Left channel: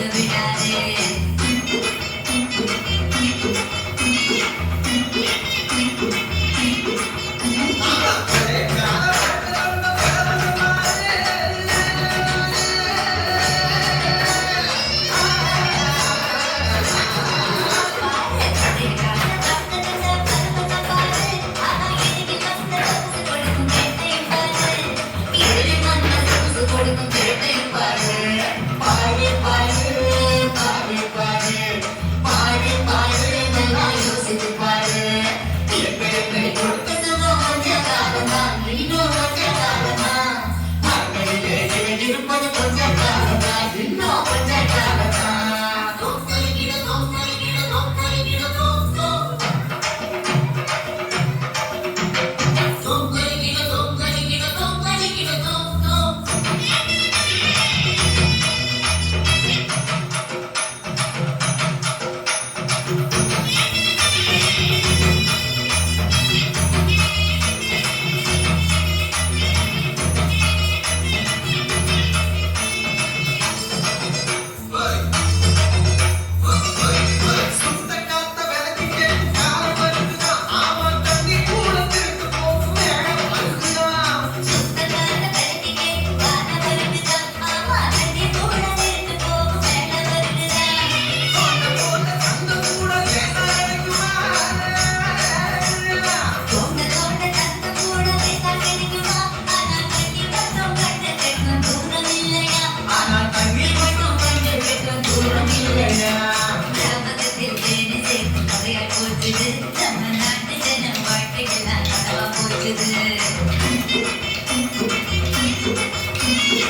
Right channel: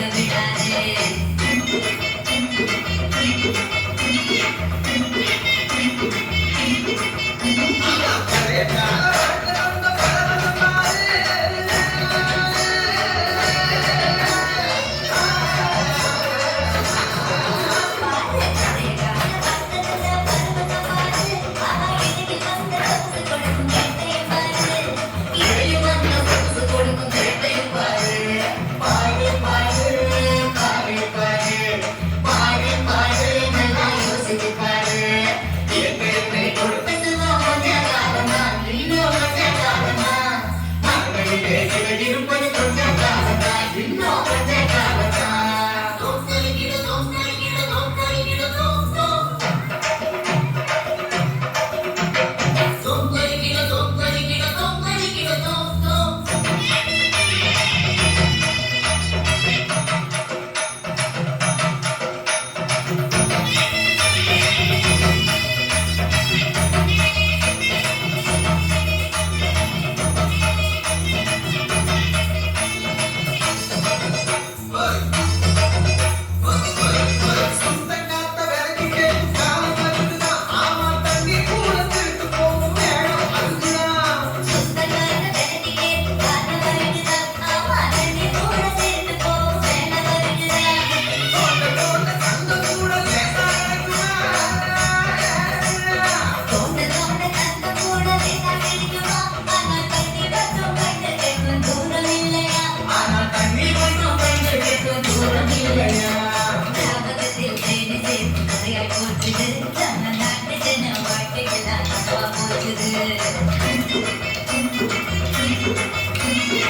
Yeah. இருப்பது கொஞ்சம் காலத்தான் இன்னும் கொஞ்சம் காலத்தான்